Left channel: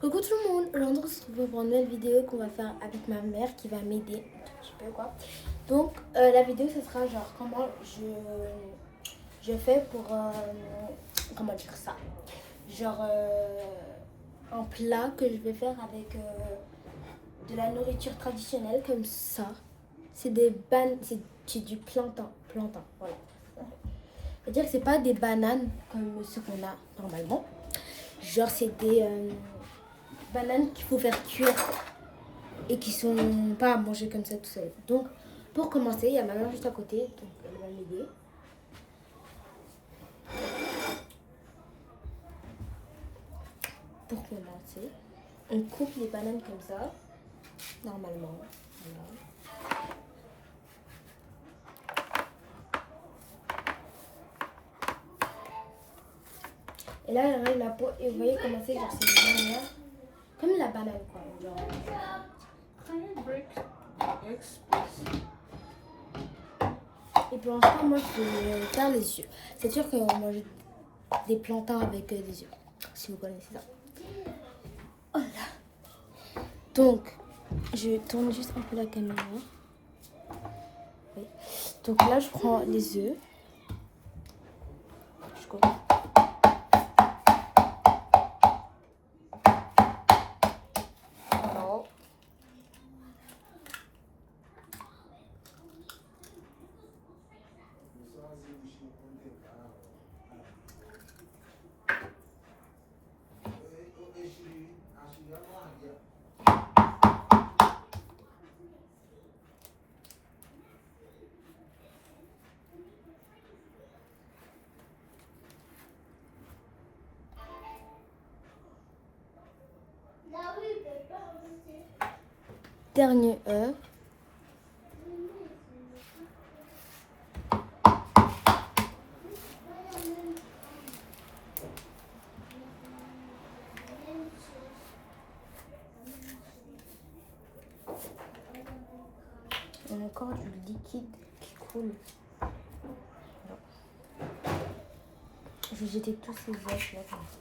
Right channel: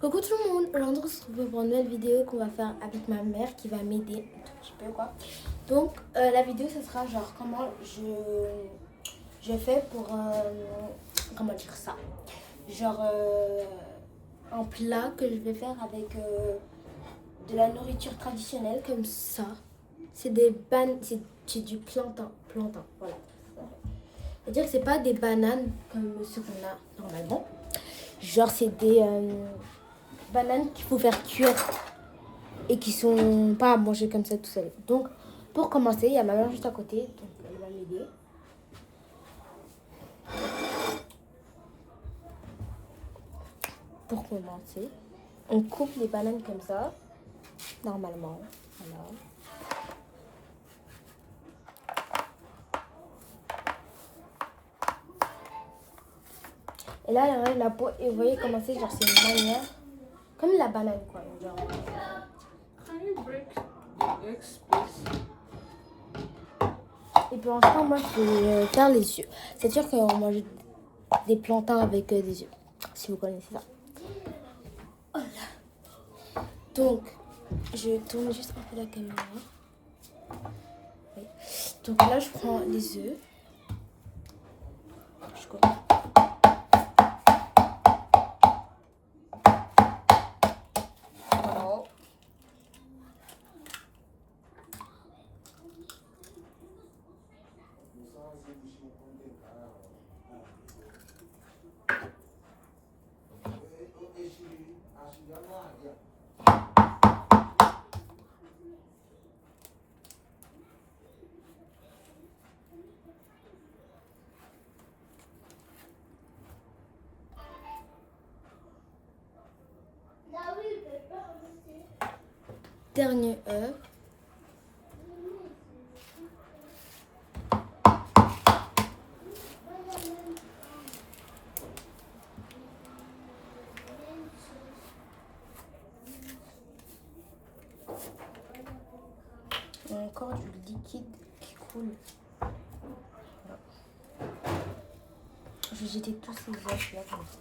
Coucou tout le monde, aujourd'hui on se retrouve pour une nouvelle vidéo qu'on va faire avec ma mère qui va m'aider un petit peu quoi. Donc la vidéo ce sera genre comment je fais pour, comment dire ça, genre un plat que je vais faire avec de la nourriture traditionnelle comme ça. C'est des c'est du plantain, voilà. C'est-à-dire que c'est pas des bananes comme ce qu'on a normalement. Genre c'est des bananes qu'il faut faire cuire et qui sont pas à manger comme ça tout seul. Donc pour commencer, il y a ma mère juste à côté, donc elle va m'aider. Pour commencer, on coupe les bananes comme ça, normalement. Voilà. Et là, elle enlève la peau et vous voyez comment c'est, genre c'est une manière, comme la banane quoi. Genre. Can you break the eggs, please? Et pour l'instant, moi je vais faire les yeux. C'est-à-dire qu'on mange des plantains avec des yeux, si vous connaissez ça. Voilà. Donc, je tourne juste un peu la caméra. Oui. Donc là, je prends les œufs. Je coupe. Voilà. Dernier œuf. Et encore du liquide qui coule. Voilà. Je vais jeter tous ces œufs là comme ça.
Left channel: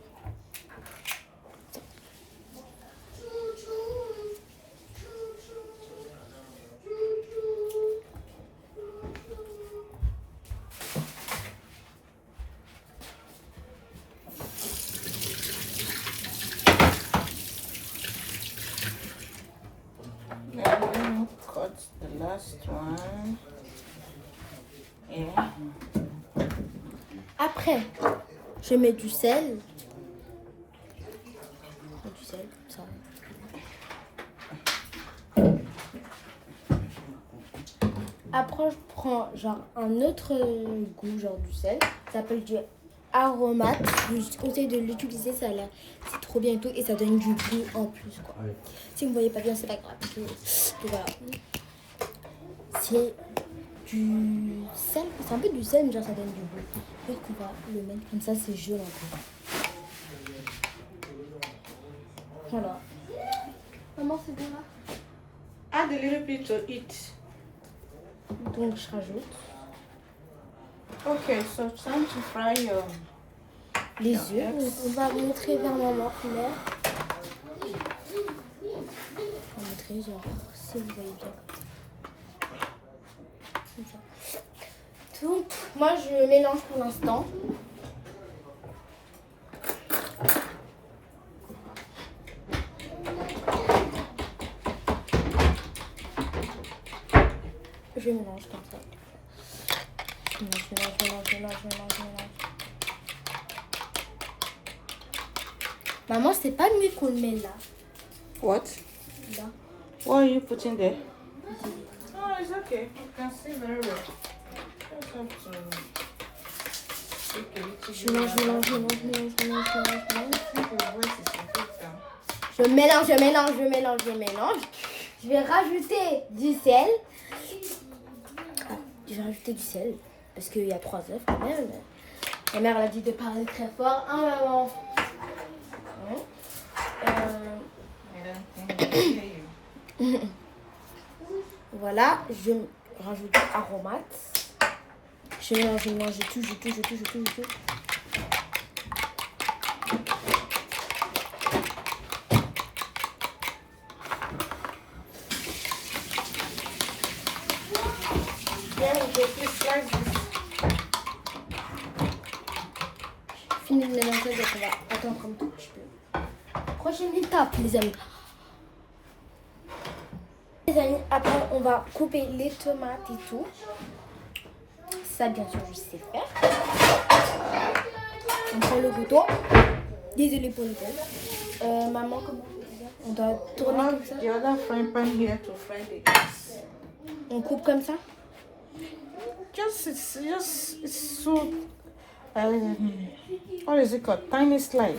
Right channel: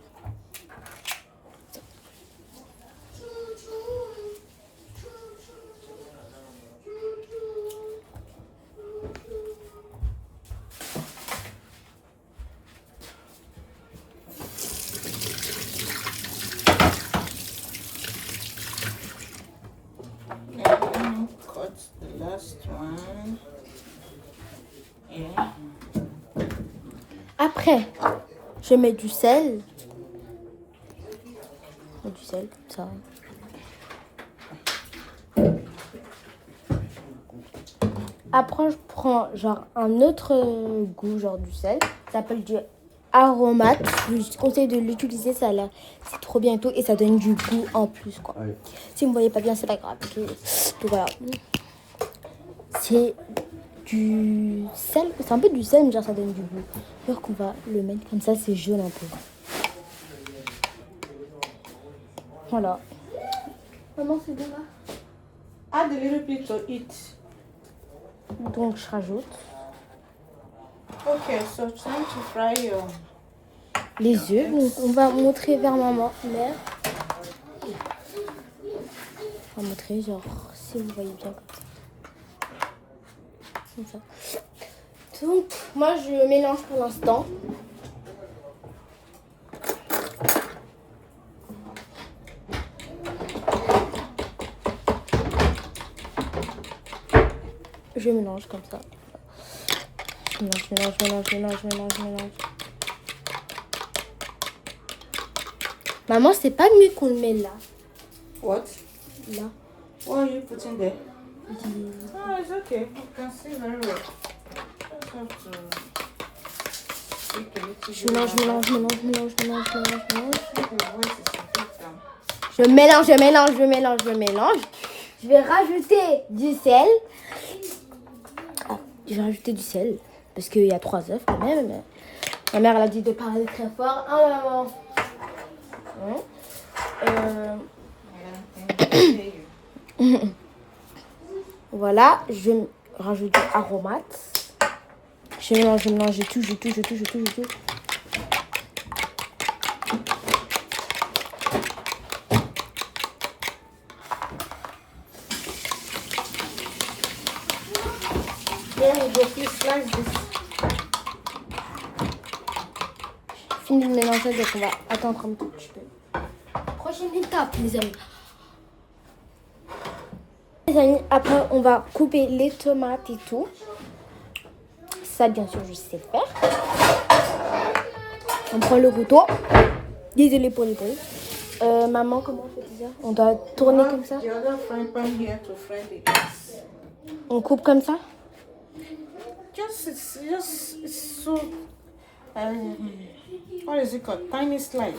And cut the last one. Yeah. Après, je mets du sel. Du sel, comme ça. Après, je prends genre un autre goût, genre du sel. Ça s'appelle du aromate. Je conseille de l'utiliser, ça a l'air, c'est trop bien et tout. Et ça donne du goût en plus, quoi. Oui. Si vous ne voyez pas bien, c'est pas grave. Donc, voilà. C'est du sel. C'est un peu du sel, mais genre ça donne du goût. Alors qu'on va le mettre comme ça, c'est jaune un peu. Voilà. Maman, c'est bien là. Add a little bit to it. Donc, je rajoute. Okay, so time to fry your Les œufs, on va montrer vers maman, mère. On va montrer, genre, si vous voyez bien. Comme ça. Donc, moi, je mélange pour l'instant. Je mélange comme ça. Mélange. Maman, c'est pas mieux qu'on le met là. what? Là. What are you putting there? Oh, it's okay. You can see very well. Just have to take a little Je bit mélange. out. Your voice is a bit down. Je mélange. Je vais rajouter du sel. Oh, je vais rajouter du sel. Parce qu'il y a 3 œufs quand même. Ma mère elle a dit de parler très fort. Ah maman. Voilà, je rajoute du aromate. Je mélange, je touche. go, please slice this. Fini de mélanger, donc on va attendre un tout petit peu. Prochaine étape, les amis. Les amis, après on va couper les tomates et tout. Ça, bien sûr, je sais faire. On prend le couteau. Désolée pour le bruit. Maman, comment on fait ça? On doit tourner comme ça. The other frying pan here to fry the eggs. On coupe comme ça. It's so, what is it called? Tiny slice.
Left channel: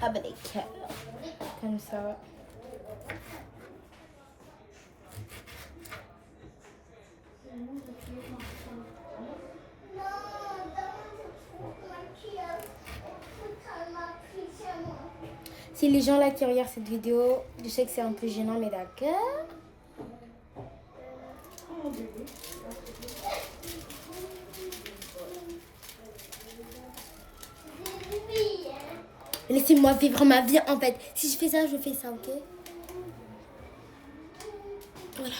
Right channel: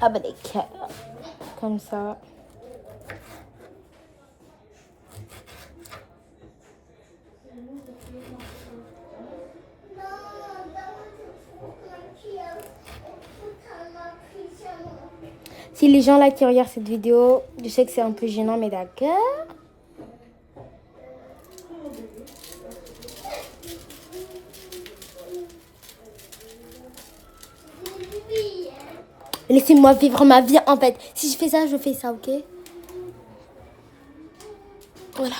Ah bah des cœurs. Comme ça. Si les gens là qui regardent cette vidéo, je sais que c'est un peu gênant, mais d'accord. Laissez-moi vivre ma vie en fait. Si je fais ça, je fais ça, ok? Voilà.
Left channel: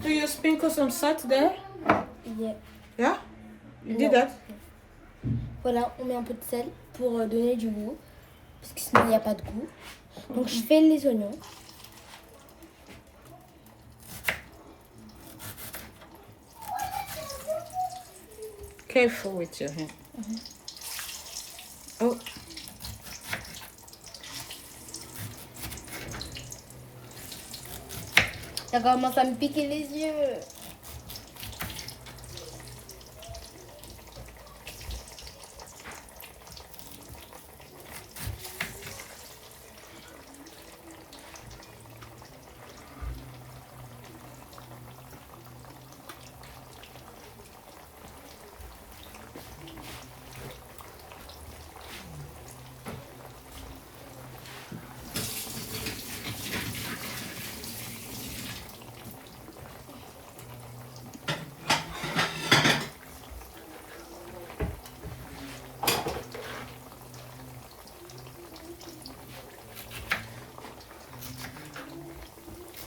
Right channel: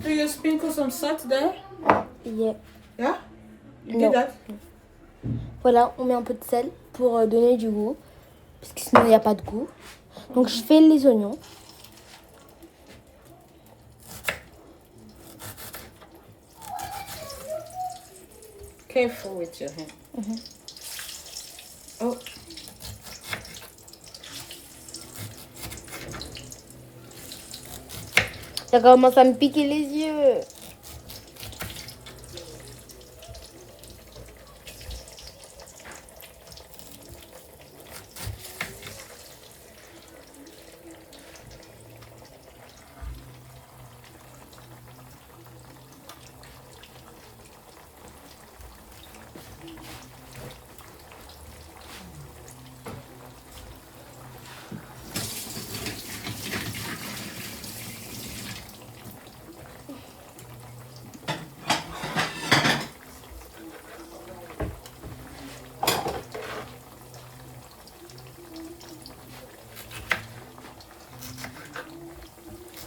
Do you sprinkle some salt there? Yeah. Yeah? You No. did that? Voilà, on met un peu de sel pour donner du goût. Parce que sinon, il n'y a pas de goût. Donc, je fais les oignons. Careful with your hand. Oh. Ça commence à me piquer les yeux.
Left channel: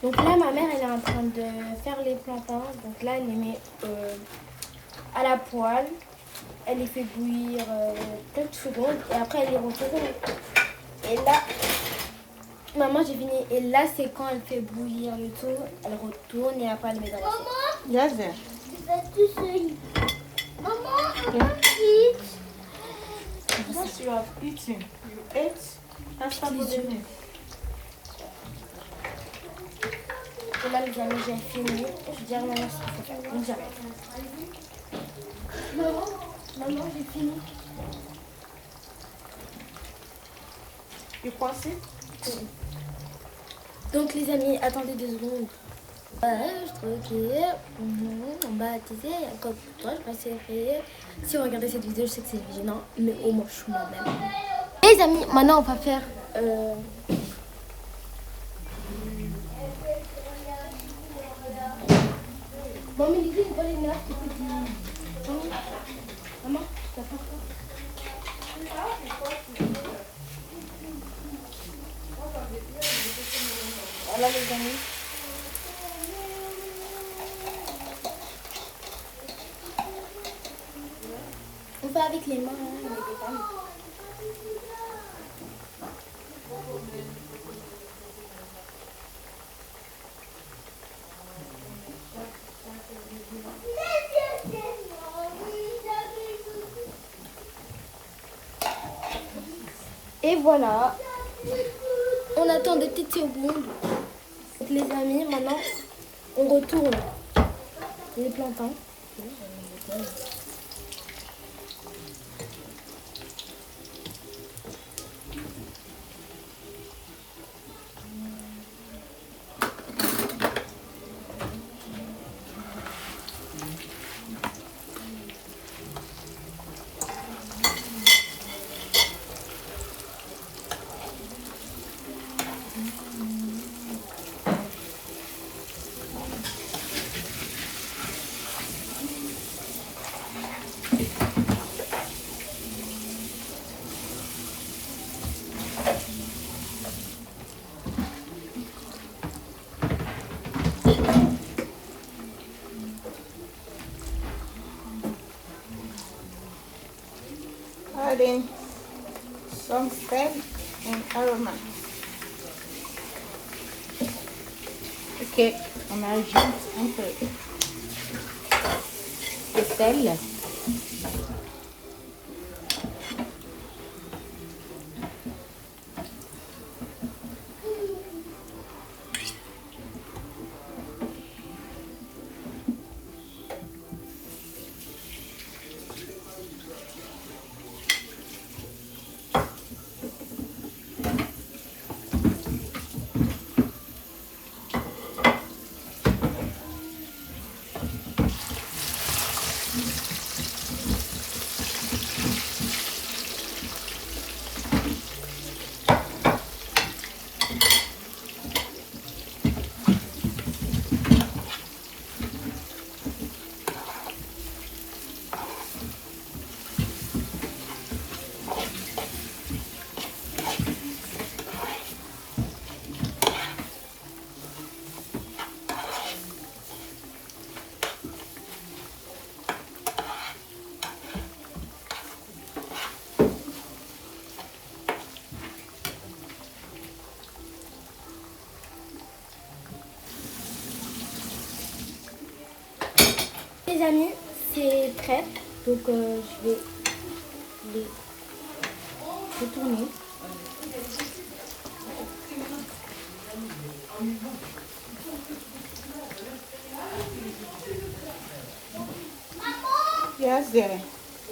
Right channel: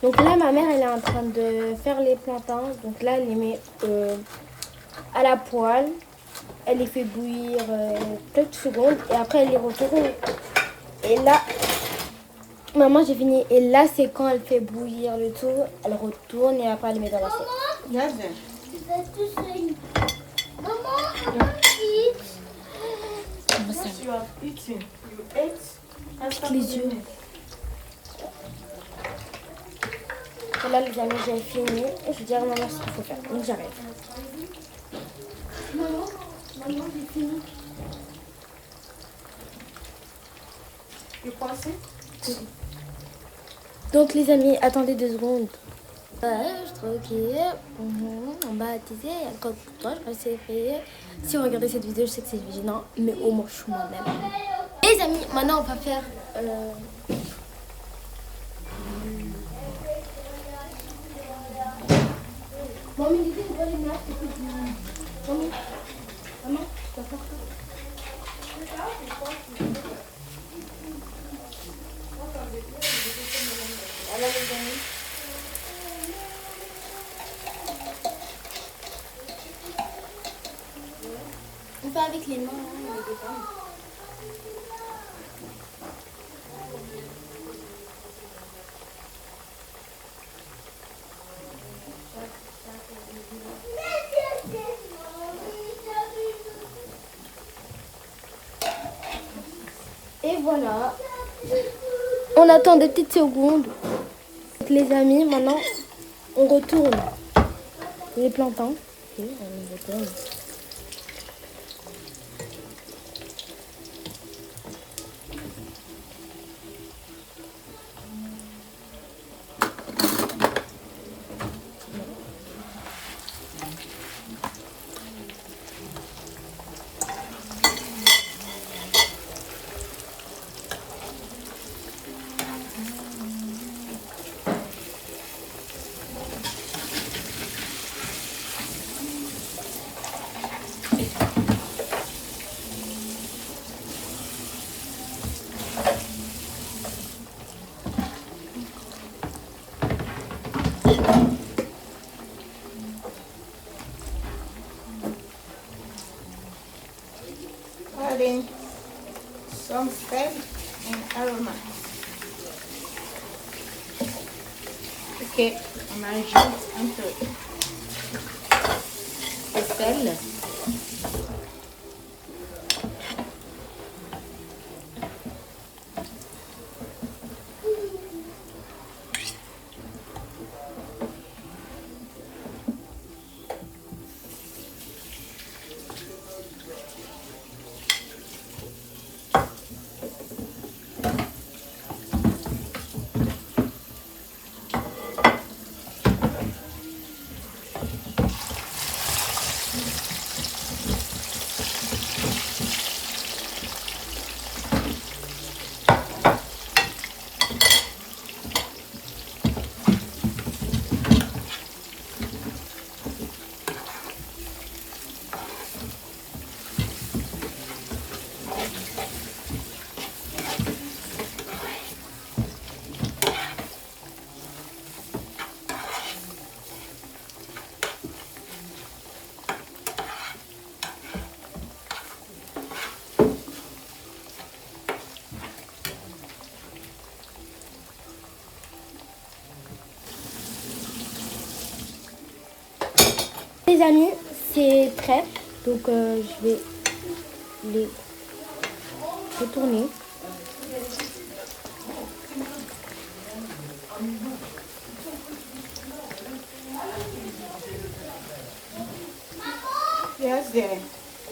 Donc là, ma mère, elle est en train de faire les plantains. Donc là, elle les met à la poêle. Elle les fait bouillir quelques secondes. Et après, elle les retourne. Et là, maman, j'ai fini. Et là, c'est quand elle fait bouillir le tout. Elle retourne et après, elle met dans la sauce. Yes, there. Maman, Because you are eating. You ate. That's not Les what yeux. it is. Là, les amis, j'ai fini. Je dis à maman ce qu'il faut faire. Donc, j'arrête. Maman, j'ai fini. You pass it? Donc, les amis, attendez 2 secondes. Je trouve qu'on va attiser. Quand toi, je vais essayer. Si vous regardez cette vidéo, je sais que c'est gênant, mais au moins, je suis moi-même. Les amis, maintenant, on va faire. Maman, l'idée de pas les nerfs, c'est que maman, tu vas faire quoi? Voilà, les amis. On fait avec les mains, hein, avec les femmes. Et voilà. On attend des petites secondes. Donc, les amis, maintenant, on retourne les plantains. Ok, on retourne. adding some salt and aroma. Ok, on ajoute un peu de sel. Les amis, c'est prêt. Donc je vais les retourner. Yes, dear.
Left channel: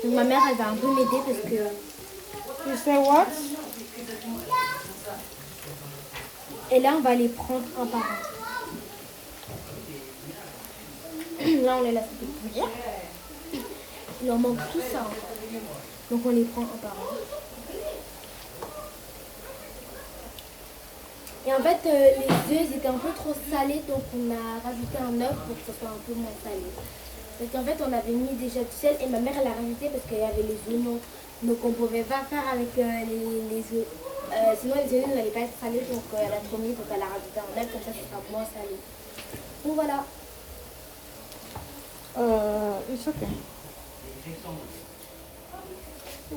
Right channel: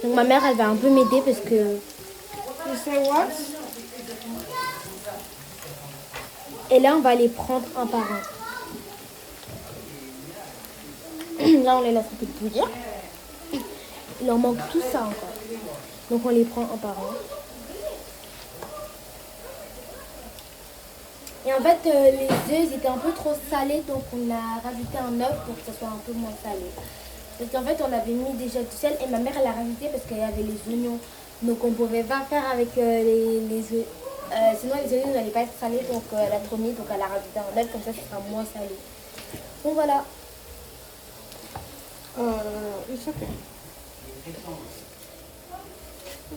Donc ma mère, elle va un peu m'aider parce que... You say what? Et là, on va les prendre un par un. Là, on les laisse un peu de dire. Il leur manque tout ça. Donc on les prend un par un. Et en fait, les œufs, ils étaient un peu trop salés. Donc on a rajouté un œuf pour que ça soit un peu moins salé. Parce qu'en fait, on avait mis déjà du sel. Et ma mère, elle a rajouté parce qu'il y avait les oignons. Donc on ne pouvait pas faire avec les œufs. Sinon, les oignons n'allaient pas être salés. Donc elle a trop mis. Donc elle a rajouté un œuf. Comme ça sera moins salé. Donc voilà. It's okay.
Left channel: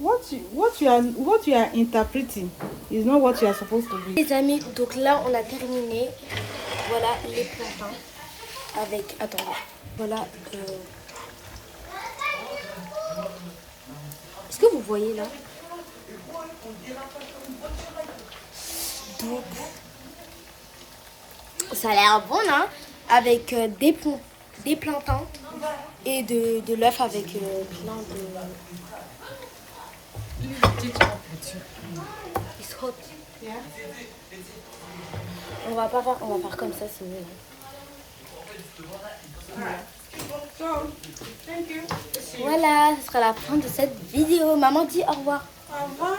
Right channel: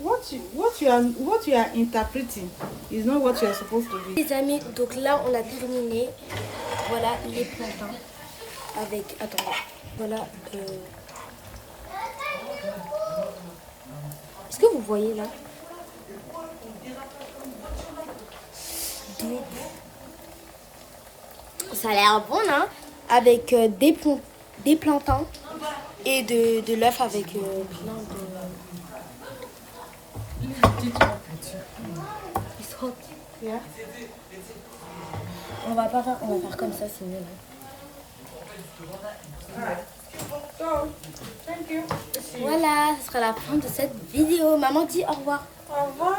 What you are interpreting is not what you are supposed to do. Les amis, donc là on a terminé. Voilà les plantains avec. Attendez. Voilà. Est-ce que vous voyez là? Donc, ça a l'air bon là, avec des plantains et de l'œuf avec plein de. It's hot. Yeah. On va faire comme ça, c'est mieux. So, thank you. Voilà, ce sera la fin de cette vidéo. Maman dit au revoir. Au revoir.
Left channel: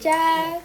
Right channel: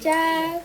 Ciao.